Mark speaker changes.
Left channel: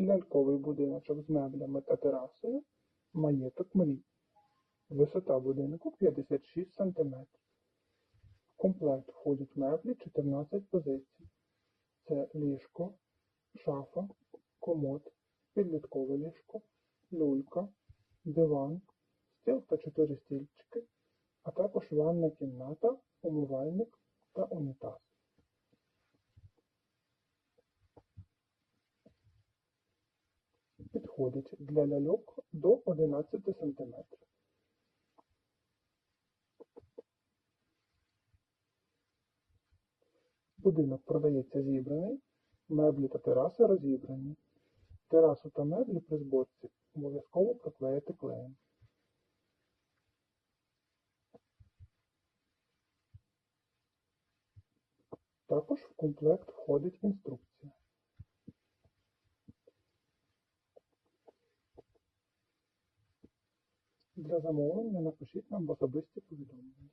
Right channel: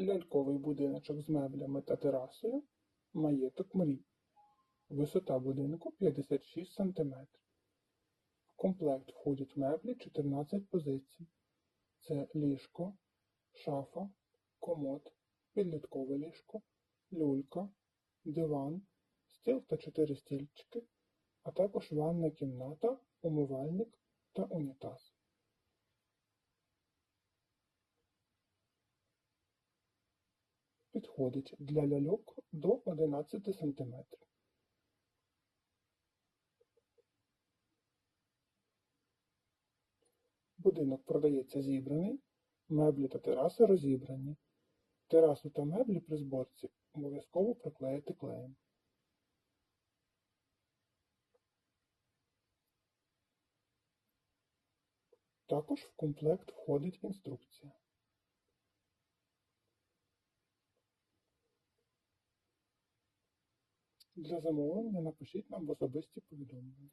Speaker 1: Ляльковий будиночок з меблями та терасою. Маєток мрій. Висота будинку 56 см. В комплект входять меблі 14 позицій. Це ліжко, шафа, комод, підліткове ліжко, люлька, диван, стіл та 4 стільчики, а також ванна кімната, умивальник та унітаз. Підходить для ляльок до 11 см. Будинок продається зібраний, меблі та тераси розібрані. Терасу та меблі при зборці обов'язково приклеїти клеєм. Також в комплект входить інструкція. Для замовлення напишіть нам в особисті повідомлення.